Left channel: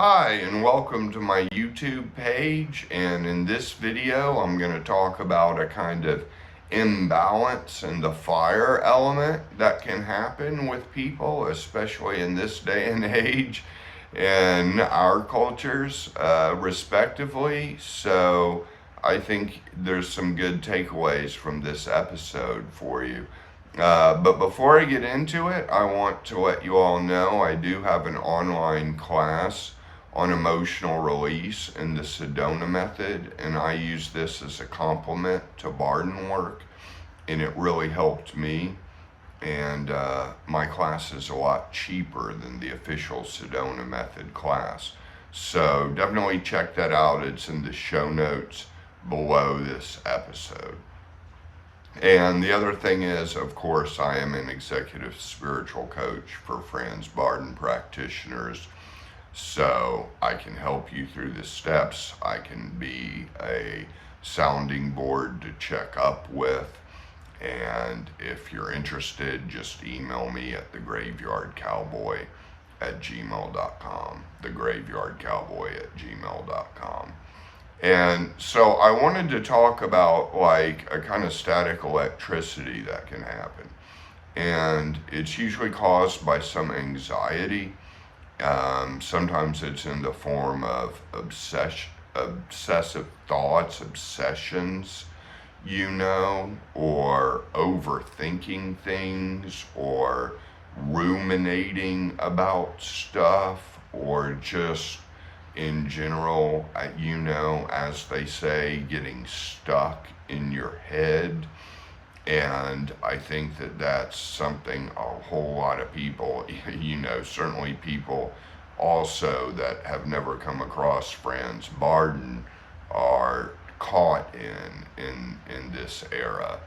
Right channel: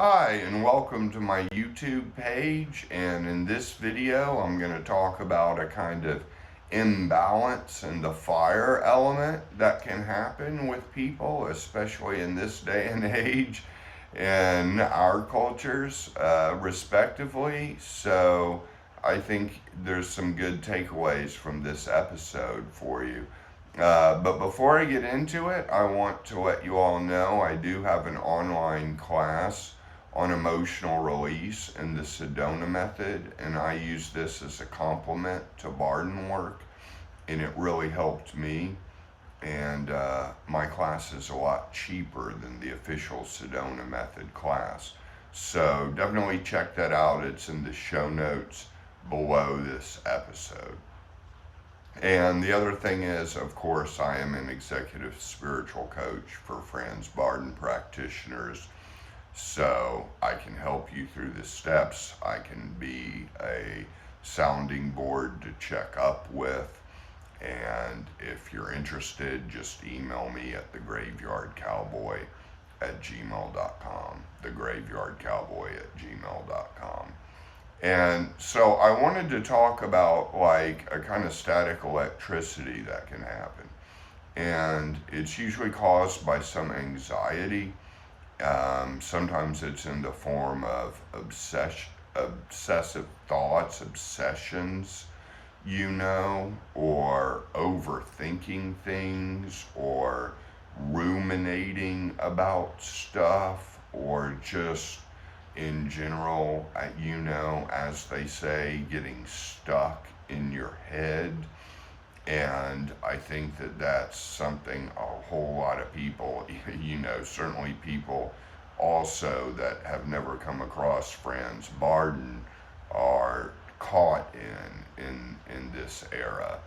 Hi, and welcome to my YouTube page. And in this video, I'm going to talk about a kind of imbalance in the fire element that can happen with people, especially in this day and age in our cultures, respectively. So I think there's some good takeaways from this episode for you. But before I get into it, I want to let you all know I do have an online class on emotional release in the Sedona method, and I use this as a complement to Bardon work, and it really helped me. And my class is a lot cheaper than the official Sedona method class. So definitely check that out. It's in the show notes below this episode. And the other thing is, of course, I am an executive spiritual coach for Franz Bardon practitioners. So I can help you through the steps. I can be a sounding board to check up with. And if you're interested, just email me at thegraveyardcowboy@gmail.com. Thegraveyardcowboy@gmail.com. And so I wanted to talk about like a kind of static electricity that can happen. And it's usually caused by some anxiety. Sometimes it's in the form of obsessive thoughts, obsessions, or overthinking things, or ruminating about stuff, or just in general, as they say, getting stuck in your head. And I think that that's something a whole lot of people, certainly people also that have never come across Franz Bardon are caught in this era,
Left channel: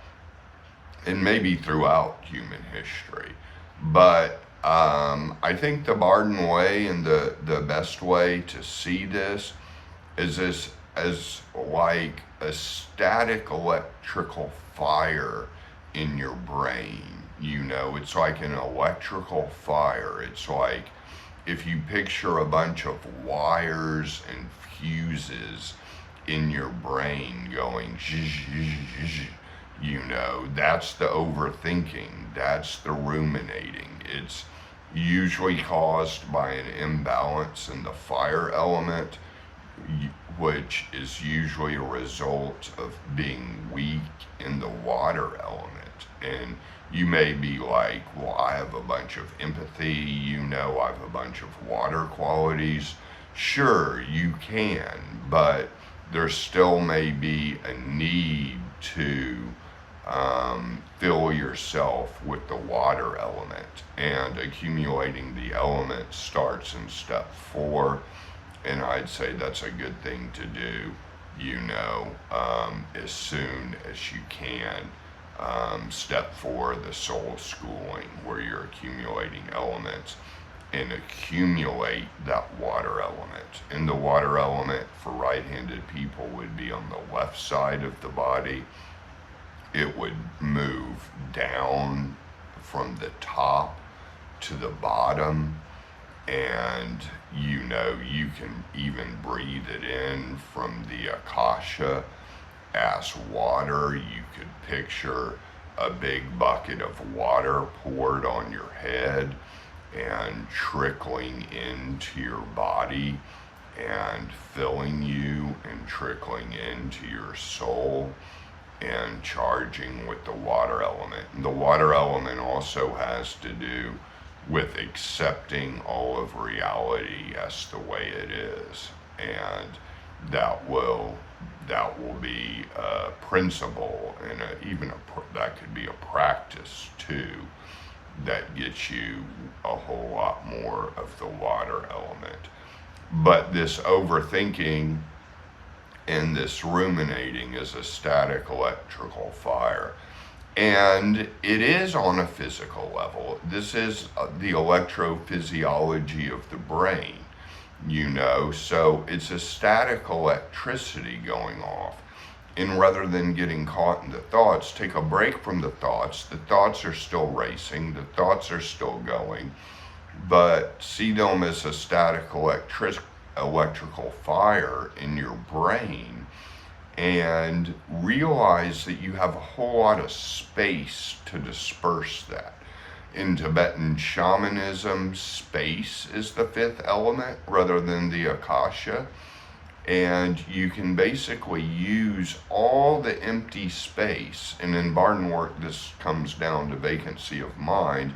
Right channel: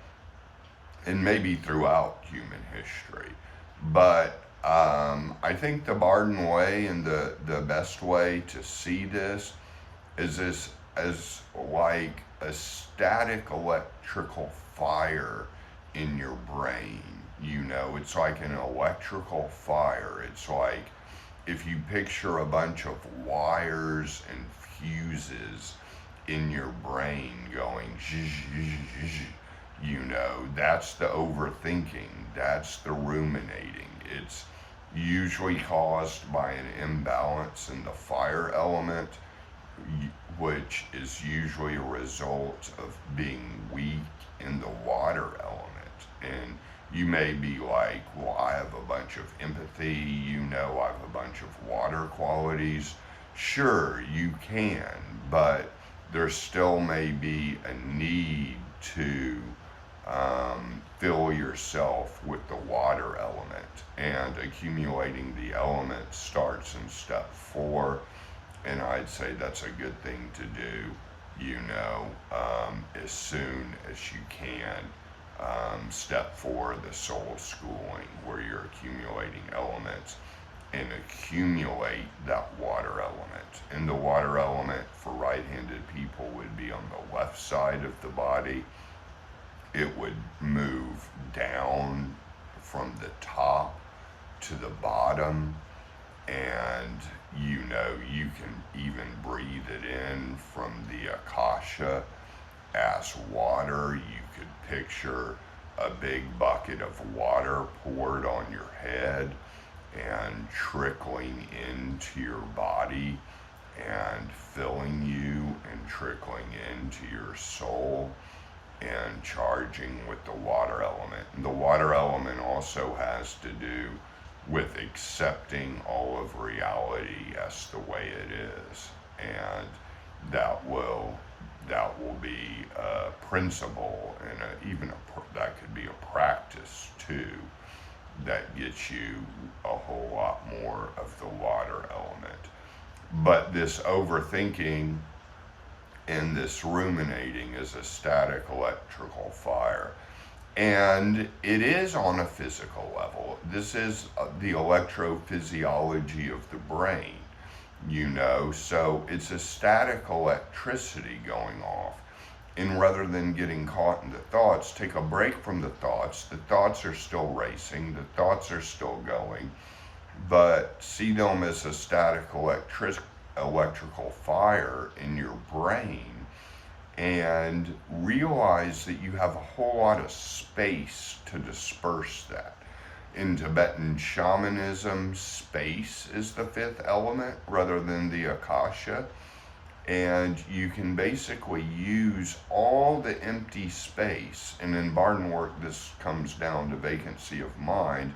and maybe throughout human history. But I think the Bardon way and the best way to see this is this as like a static electrical fire in your brain. It's like an electrical fire. It's like if you picture a bunch of wires and fuses in your brain going that's the overthinking, that's the ruminating. It's usually caused by an imbalance in the fire element, which is usually a result of being weak in the water element. And you may be like, well, I have a bunch of empathy, I have a bunch of water qualities. Sure, you can, but there still may be a need to fill yourself with the water element. And accumulating the element starts in step 4. And I'd say that's a good thing to do, as soon as you can. Step 4, the soul schooling, where you're accumulating elements, and accumulate that water element. And the water element for right-handed people would be on the left side of the body. It would move down from the top to the bottom, and you can even breathe it in from the akasha as water. You could picture a big bucket of water poured on your head and trickling into your body and filling you and trickling into your soul and charging with the water element. And the water element also has to do with accepting all of reality as the way it is. And that will be a principle, and that could be a practice too, that gets you a whole lot more of the water element. But this overthinking and this ruminating is a static electrical fire. And it is on a physical level. This is the electrophysiology of the brain, so it's a static electricity going off. And rather than getting caught in the thoughts, take a break from the thoughts. The thoughts are still racing, the thoughts are still going, but see them as a static electrical fire in your brain and realize that you have a whole lot of space to disperse that. In Tibetan shamanism, space is the fifth element rather than the akasha. And you can basically use all the empty space. And in Bardon work, this comes down to vacancy of mind.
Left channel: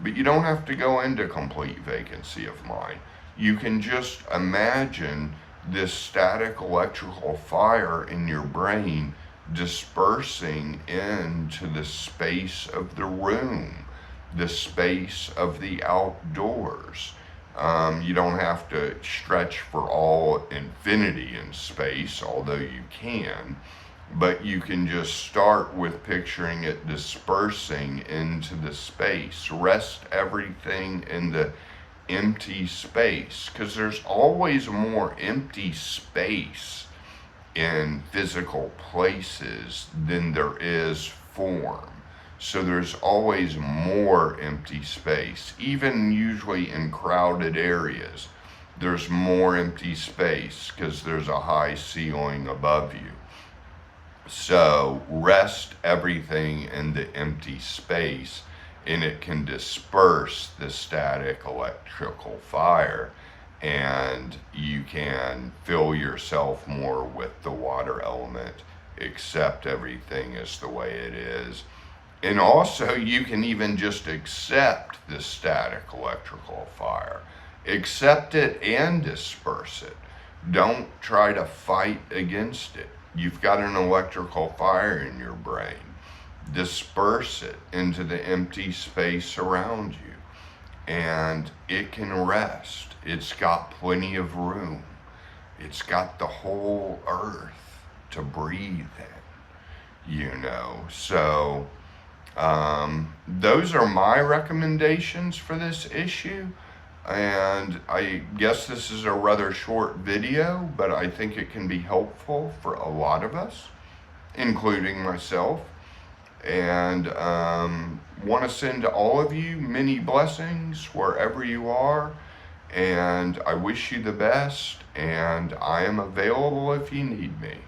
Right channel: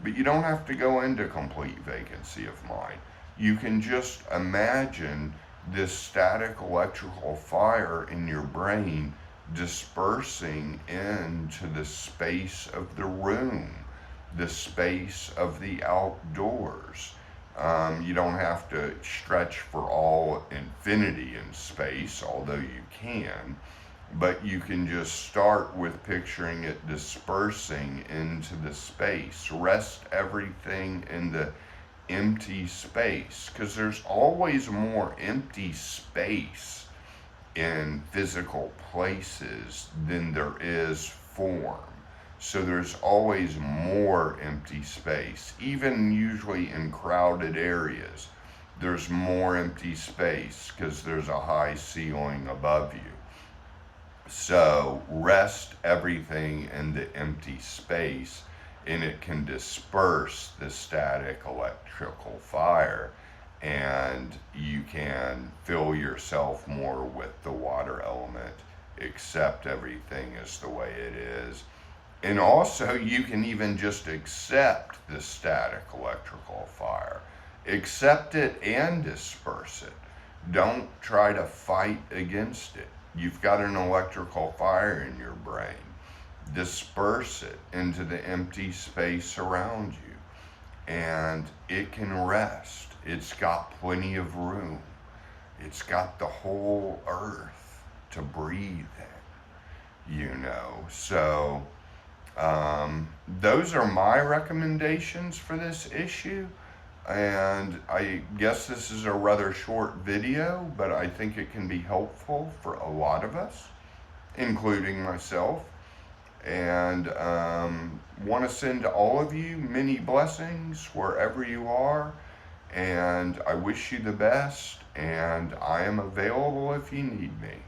But you don't have to go into complete vacancy of mind. You can just imagine this static electrical fire in your brain dispersing into the space of the room, the space of the outdoors. You don't have to stretch for all infinity in space, although you can, but you can just start with picturing it dispersing into the space. Rest everything in the empty space, because there's always more empty space in physical places than there is form. So there's always more empty space, even usually in crowded areas. There's more empty space because there's a high ceiling above you. So rest everything in the empty space, and it can disperse the static electrical fire, and you can fill yourself more with the water element, accept everything as the way it is. And also, you can even just accept the static electrical fire. Accept it and disperse it. Don't try to fight against it. You've got an electrical fire in your brain. Disperse it into the empty space around you, and it can rest. It's got plenty of room. It's got the whole earth to breathe in, So those are my recommendations for this issue, and I guess this is a rather short video, but I think it can be helpful for a lot of us, including myself. And want to send to all of you many blessings wherever you are, and I wish you the best, and I am available if you need me.